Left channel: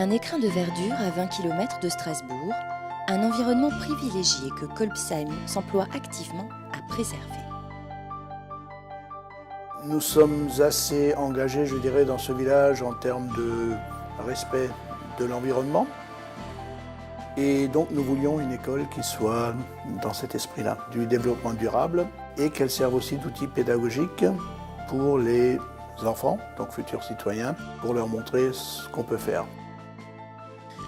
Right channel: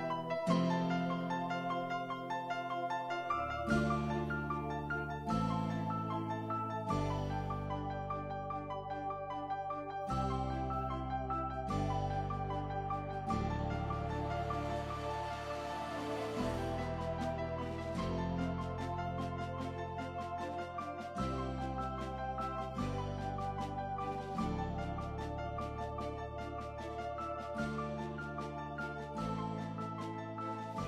Un écrin de verdure à 20 km de Strasbourg, un environnement privilégié que Kolbsheim s'emploie activement à préserver. Nous sommes assez engagés, je dirais, dans ce village en termes de respect de l'environnement. Et donc nous voulions une école qui soit dans cet esprit-là, du développement durable, et qu'elle serve aussi d'outil pédagogique pour les enfants, donc futurs citoyens, pour leur montrer ce qu'on peut faire.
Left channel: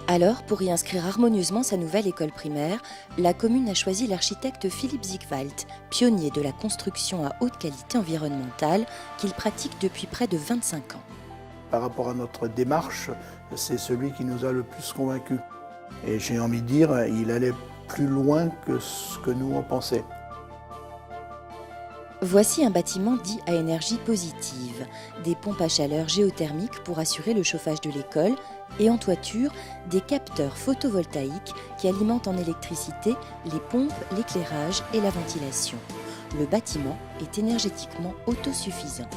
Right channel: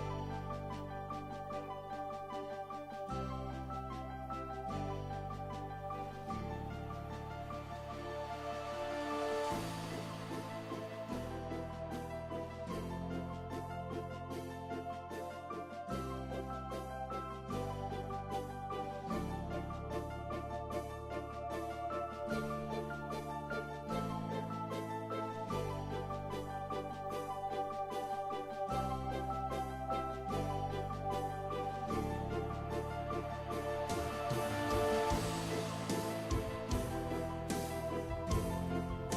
Alors, pour y inscrire harmonieusement sa nouvelle école primaire, la commune a choisi l'architecte Philipp Siegwald, pionnier de la construction à haute qualité environnementale, qu'il pratique depuis près de 25 ans. Par rapport à notre démarche, c'est celui qui nous a le plus convaincus. Et j'ai envie de dire, il allait plus loin que ce que nous on pensait. Voici un bâtiment dit à énergie positive, des pompes à chaleur géothermique pour assurer le chauffage de l'école et en toiture, des capteurs photovoltaïques qui alimentent en électricité les pompes, l'éclairage et la ventilation. Le bâtiment est énergétiquement autosuffisant.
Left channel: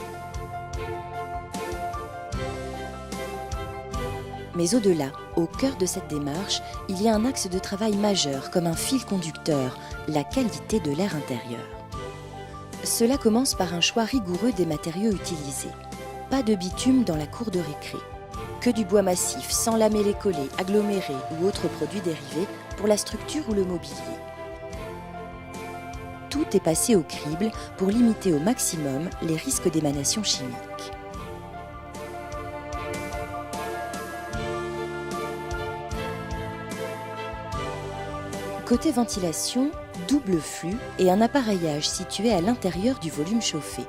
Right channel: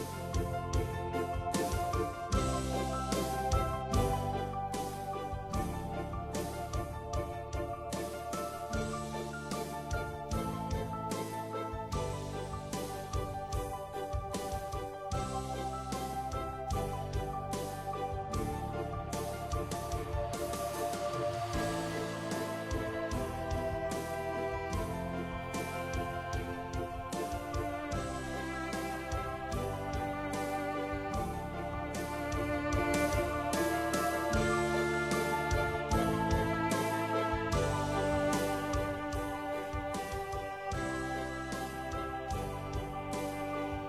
Mais au-delà, au cœur de cette démarche, il y a un axe de travail majeur comme un fil conducteur, la qualité de l'air intérieur. Cela commence par un choix rigoureux des matériaux utilisés. Pas de bitume dans la cour de récré. Que du bois massif, sans lamellé collé, aggloméré ou autres produits dérivés pour la structure ou le mobilier. Tout est passé au crible pour limiter au maximum les risques d'émanation chimique. Côté ventilation, double flux et un appareillage situé à l'intérieur du volume chauffé.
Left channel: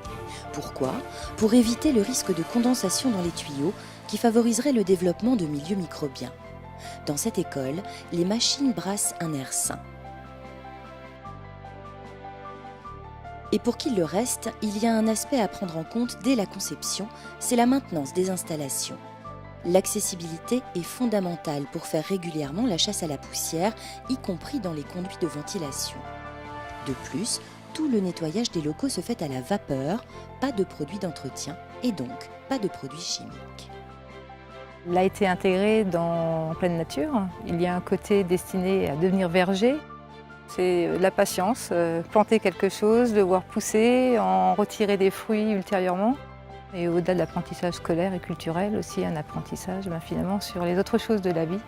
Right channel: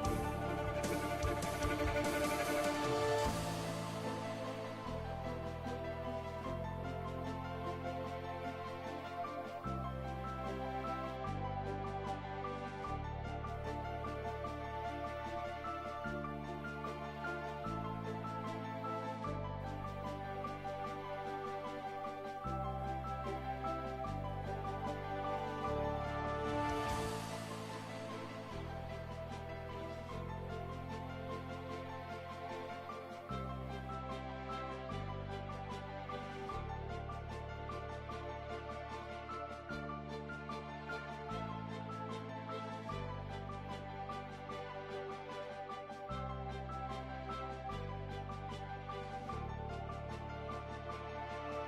Pourquoi ? Pour éviter le risque de condensation dans les tuyaux qui favoriserait le développement de milieux microbiens. Dans cette école, les machines brassent un air sain. Et pour qu'il le reste, il y a un aspect à prendre en compte dès la conception, c'est la maintenance des installations. L'accessibilité est fondamentale pour faire régulièrement la chasse à la poussière, y compris dans les conduits de ventilation. De plus, tout le nettoyage des locaux se fait à la vapeur, pas de produits d'entretien et donc pas de produits chimiques. Il a été intégré en pleine nature. Il y a un côté destiné à devenir verger. C'est la patience, planter quelque chose, le voir pousser, en retirer des fruits ultérieurement. Et au-delà de l'apprentissage scolaire et culturel, aussi un apprentissage finalement sur les autres choses de la vie.